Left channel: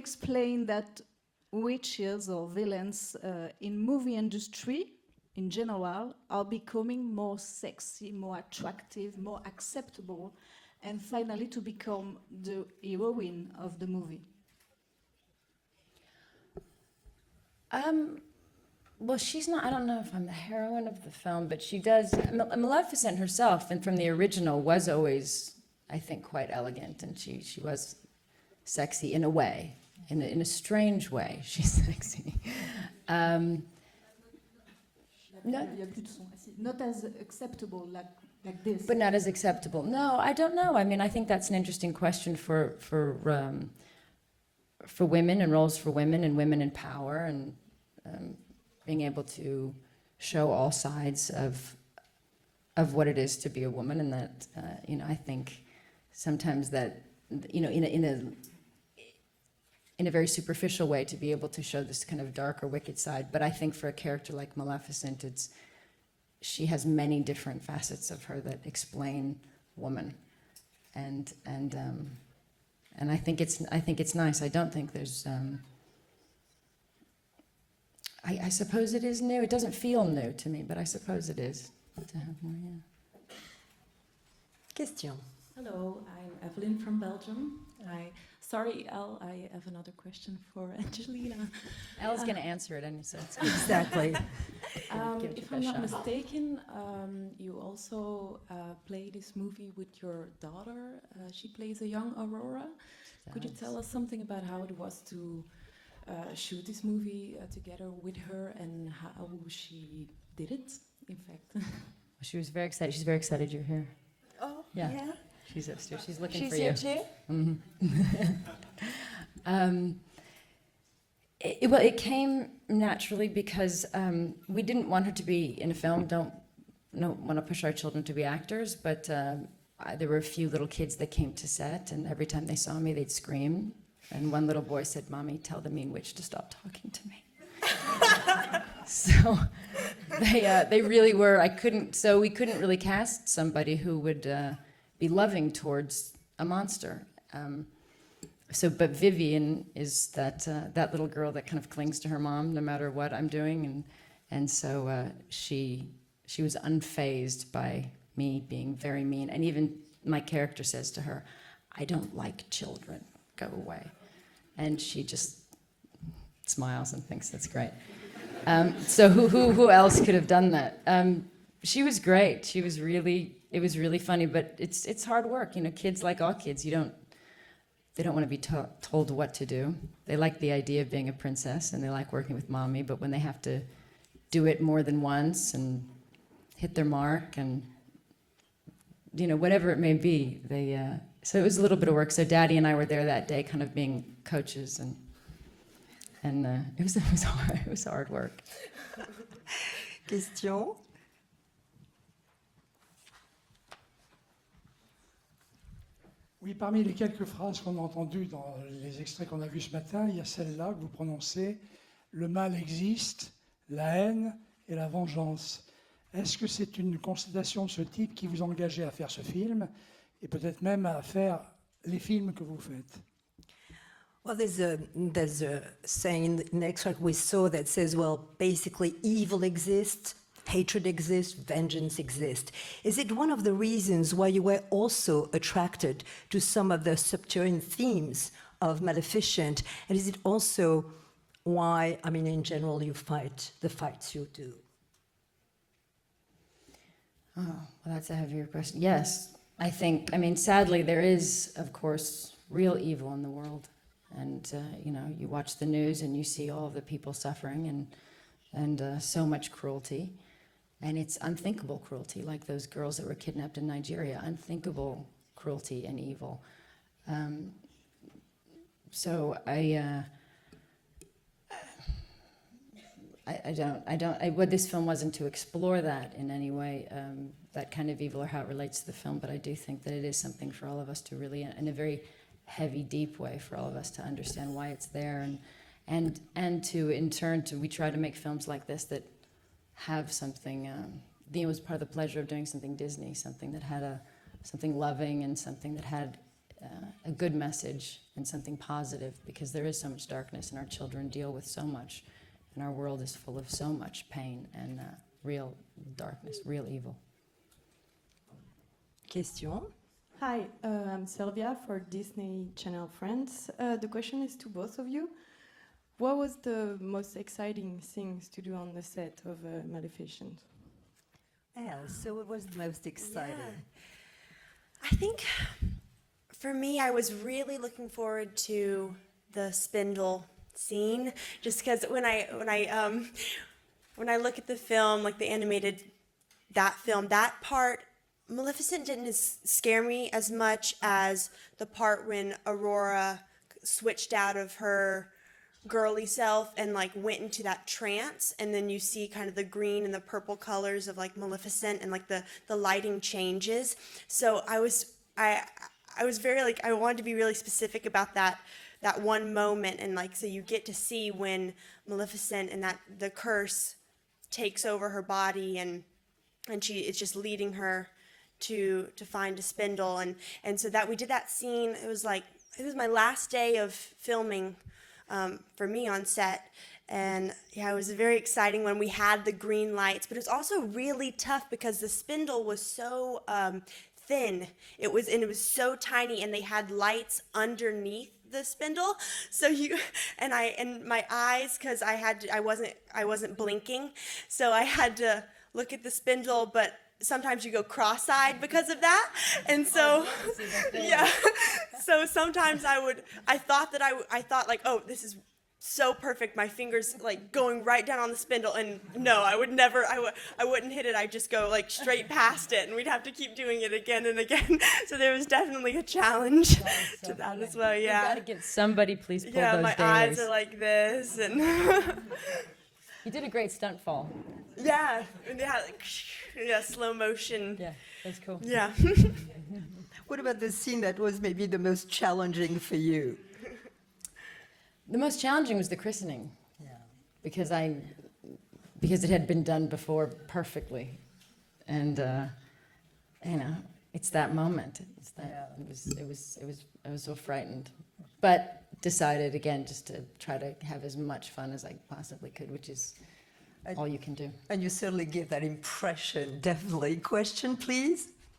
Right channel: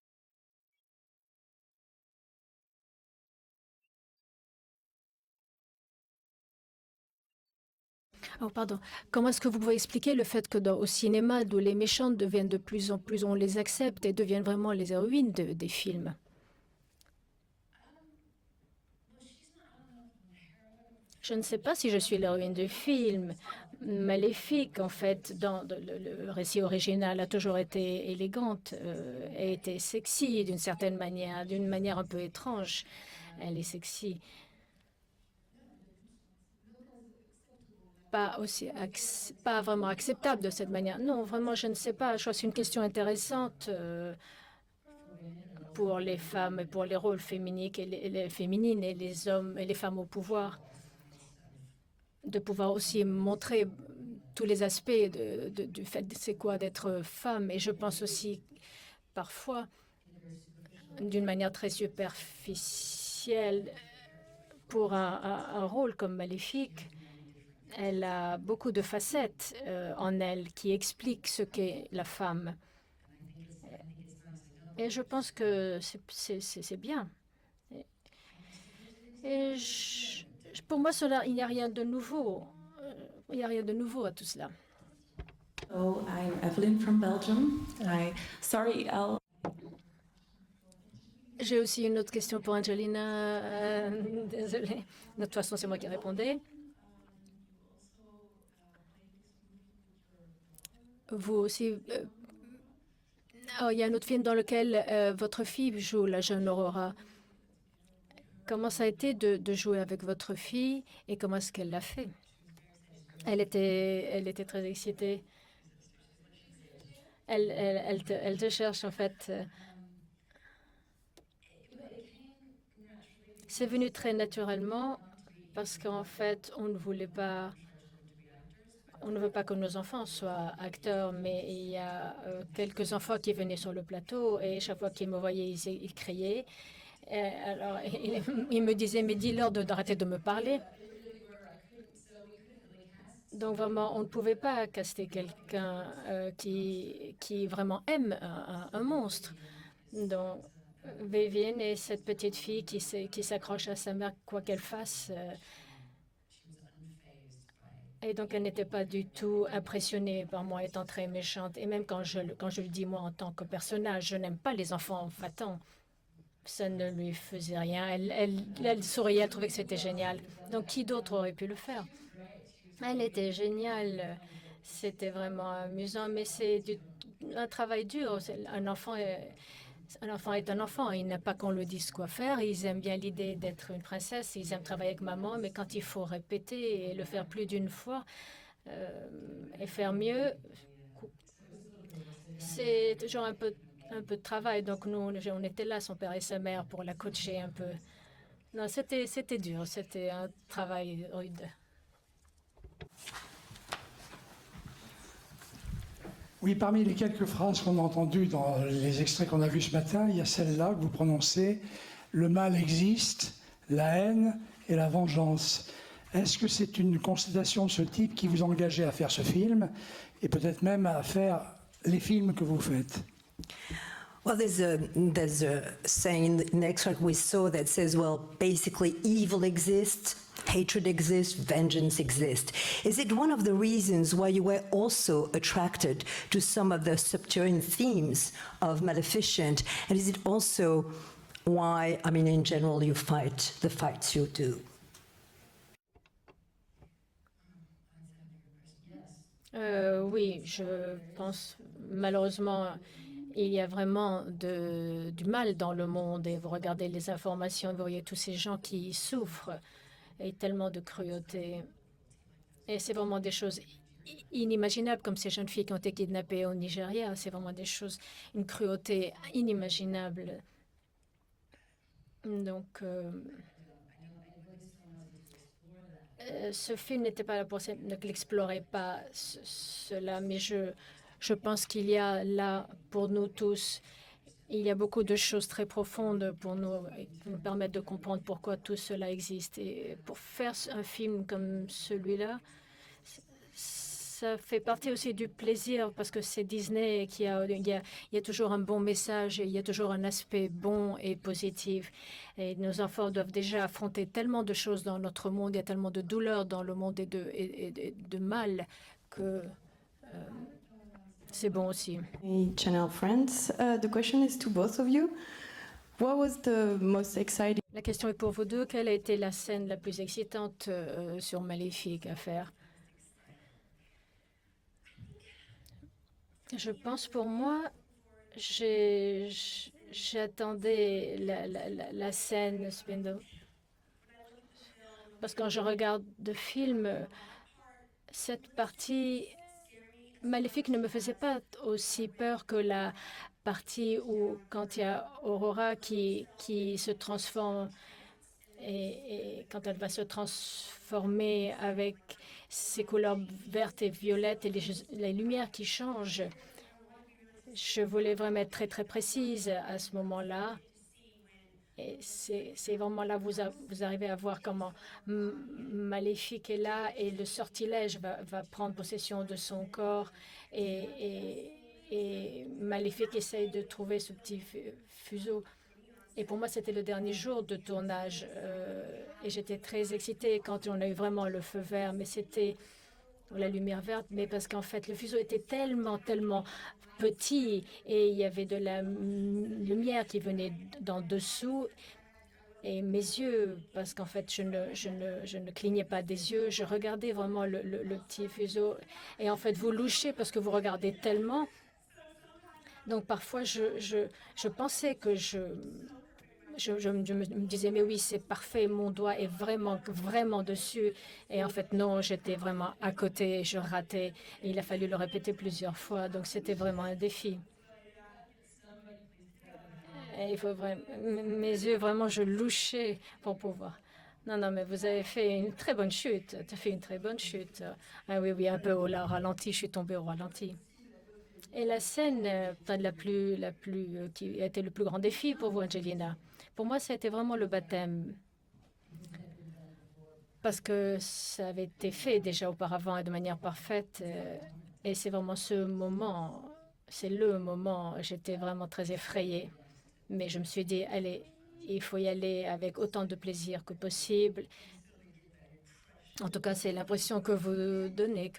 explain that witches or villains in movie industry in general are becoming more sexy, more attractive. Comment est-ce que vous pouvez expliquer le fait que au cinéma, d'où les méchantes deviennent de plus en plus, on les accepte et deviennent vraiment les héroïnes des films? Well, she's not. I don't know if I'm the heroine of the film, sais but pas she si je does. suis l'héroïne du Maleficent film. herself, and from the original, Maléfique, was en always, fait, dans I think, le quite récit elegant. original, a toujours She was été élégante. sexy in a way, Elle était in sexy a d'une certaine strange way. manière, She's d'une manière un peu sexy. étrange. Elle est sexy. Il y a plus de son. Not as acceptable. Pas aussi But not as acceptable. Pas vraiment No, I acceptable don't de cette know. I manière. mean, I Non, think that's an vraiment, je ne interesting sais pas. Je question pense que c'est une question intéressante for women and roles for pour women les and femmes, women in pour les power rôles and féminines et being les able hommes et les to femmes au show pouvoir, all sides de pouvoir of aussi what it is to be montrer a woman, and that tous les aspects I think du fait de c'est quoi sometimes d'être femme. Et you je know, pense in a aussi parfois in a very superficial way to d'une be manière able to très show this kind of darker, wicked side. But I think for a character like pour Maleficent, un rôle comme she Maléfique, has many different facets elle of a her beaucoup that de explain facettes woman. en elle qui expliquent ce qu'est la femme. And I think it's nice. I don't think Et je there's. pense que c'est bien. I suppose it is new. It doesn't feel new to me, Pour but moi, I suppose il it n'y a is. rien de nouveau. Il n'y a rien de nouveau à tout cela. Question. Hello, I'm Evelyn from Belgium. Sorry, Elle, I have another question for Angelina. J'ai aussi une autre question pour Angelina. Exactly. Désolée. De toute façon, c'est moi qui répondais. You also play this movie with your daughter. Vous She aussi. plays a young Aurora. Could you Oh, tell il y a us un autre film something dans about how lequel it was to, votre fille joue la jeune shoot this Aurora. movie, together with her, Comment ça a and été how de jouer she avec votre did it? fille et comment est-ce qu'elle l'a fait? She was very excited. She's very excited. to be here. Elle était très excitée. She's upstairs. She's looking She's for here you. too? Elle te cherche en fait. Well, it came naturally because venu très we naturellement didn't want her to be in Parce a film. qu'en fait, on ne voulait Don't want to pas, push our children to be actors, but on ne veut pas que nos enfants there were a few soient little kids that acteurs, came mais to il y set, and a every time they saw me, quelques they'd enfants qui venaient scream. sur le plateau And one et little chaque boy fois said, qu'ils me "Mommy, voyaient, tell the ils mean witch to criaient. stop talking to me." Ils me disaient, mais dis-leur d'arrêter de me parler. They really were. So we couldn't really cast Donc somebody vraiment, who on ne would pouvait pas caster be loving quelqu'un, towards a monster. qui vraiment aime un But monstre. Vivian is Donc, that little girl that kind Vivienne of est clings cette to her petite mom fille no matter what qui I'm doing, s'accroche à sa mère quoi and qu'elle so fasse. she was unfazed by Et donc me elle n'était being pas very du mean, tout and even impressionnée my par moi character étant says to très her, méchante. Et "I même don't quand like je dis moi en children. tant que Go away." personnage, je n'aime pas les And enfants she just battants. Ça smiles ne and lui thinks that's faisait great. rien. Elle So souriait, who c'était else génial. could have done Donc, that? qui d'autre aurait pu le She faire? was great. She was Elle really était it was really géniale. funny, but it's C'était hard work. You know, vraiment kids amusant, like mais all c'est kids, un travail they dur. don't want to be Un enfant told est- what to do. un They enfant like est the un idea of enfant, il being a n'a pas qu'on lui princess, and dise they quoi like working faire. with Ils aiment mommy, bien but when they l'idée have to d'être une princesse. do Ils it aiment more travailler than avec maman, once mais quand and il faut répéter hit et their le faire mark plus and, d'une fois, whatever it faire may be, mieux. they so it was a little bit of work. So Daddy and I were there C'est that toujours day, un peu- kind of being un peu de travail. coaches, Donc nous, on était là, son père et sa and mère, pour it la was coacher un hard. peu. It was hard work. Non, c'était dur, c'était Question. un travail rude. Oui, parmi les quelques phrases qu'on a entendues dans les extraits qu'on a vus ce matin, il y a celle-là que vous prononcez « Le mal existe, la haine et la vengeance ». Est-ce que c'est une constatation de ce type qui vous engageait à faire ce film et peut-être même à faire les films que vous faites? Well, there's a saying in the extract we saw that says, well, basically evil exists, hatred exists, vengeance exists. Is it one of the reasons why you were also attracted to some of the subterranean themes of Maleficent? And is it also why, I mean, in general, you fight the fights you do? Oh, well, that's a heavier question. Yes, I think. I mean, oui, sadly, je there pense, is, of course, malheureusement, real evil in the Il y a world. vraiment And, you know, du you mal watch the dans le news and you monde et see vous all the regardez les people informations, suffering vous voyez tous ces gens and qui so much souffrent cruelty. et tellement de And it's cruauté. unthinkable cruelty, like those Et girls c'est that were vraiment des kidnapped choses in Nigeria. inimaginables comme ces jeunes filles qui ont été cruelty and kidnappées evil. au Nigeria. C'est vraiment des choses, une cruauté So inimaginable. Donc, what this film wasn't to explore that in any way. ce film n'était pas là pour that kind of evil, how it n'explorait relates to the pas film, but I do think that it is cela, mais something for all of us to je really, pense in a qu'il very y a là heavy, pour deep nous way, for all tous, of us to understand il why y a it's beaucoup de there, choses très profondes pour and nous to, in turn, to we permettre de try to make comprendre films pourquoi like tout this that cela existe. Et have pour something. faire un film It was comme part of the pleasure of celui-là, doing something Disney, something that had a ça fait something partie aussi loving du and something plaisir that parce had que c'est Disney a qui good a, message il y a and toujours un something bon positive, message et because il y a there is so toujours un much aspect darkness and our bon children et deal with so positif. much. Et And our nos world enfants is doivent full of déjà so affronter much tellement de pain choses and, dans notre real monde, il y a tellement de darkness, douleurs dans real le evil. monde et de mal. Question. Hi, I'm Sylvia C'est bon for aussi. Disney Channel Friends. The question is to both of you. What was the most exciting La question est scenes pour vous to do deux. on the Quelle a été set la of, scène la plus Maleficent? excitante sur Maléfique à faire? most exciting? I think for Je me, I pense was pour really moi, looking forward to j'ai- the spindle j'attendais scene, la- just la- because la scène du spindle. when I look at the film, like the Parce que quand je animated regarde le that film, film, that part, cette Maleficent didn't partie scare me as Maléfique much ne me as faisait the pas part aussi when peur que la Aurora partie switched où out of quand il y a her Aurora girly qui self and se like went into transforme that trance, and then you see kind of the quand elle green va and se the purple colors of like transformer Maleficent, and avec like the ces lighting couleurs changes. vertes et violettes So et I was la lumière qui change. I was very like I wanted to be really Je specific voulais about that vraiment être très très that one précise moment, à ce and like so you moment-là. get to see when Et Maleficent and c'est that vraiment the là curse vous arrivez à voir takes comment over her body and Maléfique est and she là is et just le leading her sortilège va to prendre possession find de a son spindle, corps. and so that we did that scene. It was like it was my Maléfique last essaye day de of trouver ce petit filming. For me on Et pour set, moi, c'était le dernier and jour de yeah, it was tournage, very exciting when we had et the j'étais green très lights, but it was excitée also quand on a eu really vraiment le tough feu because the vert, mais spindle c'était was so la lumière verte, mais thin. parce qu'en fait, It le was feu and it était was so tellement, tiny, and they tellement had lights petit, et il y underneath avait the de la spindle. So you lumière qui and venait and my d'en eyes, dessous, because et mes I wasn't yeux, blinking, parce qu'en fait, so I had to je ne look clignais at the pas des spindle, yeux, je but regardais sometimes vraiment you go le cross-eyed petit because faisceau. of that, Et en fait, and vous so louchez parce que vous regardez yeah. tellement. So sometimes Donc I parfois, thought that I thought je like, oh, pensais this que is je so perfect. My fingers me like going disais, right oui, down on the c'est spindle, parfait, mon and doigt no, est I would vraiment, never, vraiment I wouldn't hit dessus. it. I'd just Et go en like fait, non, straight j'étais past it, vraiment and we'd à have to côté, keep je doing it again ratais. and again. Il a fallu So le there was répéter definitely a plusieurs fois, donc challenge c'était vraiment un to défi. that as well. Yeah, Get somebody please pull yeah. those My dailies. eyes are like this, and Vraiment, je louchais. You did a great stunt fall. Non, non, mais Yeah, vous avez fait une yeah. très bonne chute. Tu Yeah, fais une slow très bonne motion. chute. Ah oui, oui, Yeah. un peu au ralenti, je suis tombée au What about the ralenti. scene that was maybe the Et la most scène, challenging for you? qui a été le plus grand The most défi pour challenging was the Angelina. christening. Pour moi, ça a été vraiment Because le I- baptême. Because it had been done before Parce perfectly. que ça avait été And, fait déjà auparavant et de manière you know, parfaite. It's that moment. Et c'est vraiment ce It was- moment. I was C'est so le frightened. moment. J'étais But vraiment très decided effrayée. again just to Mais try je me to suis dit, have as allez, much fun as I il faut y possibly aller could, avec which is autant de plaisir que all you can do. possible. And you certainly give that impression. En tout cas, c'est Definitely. l'impression que Question, vous please. donnez.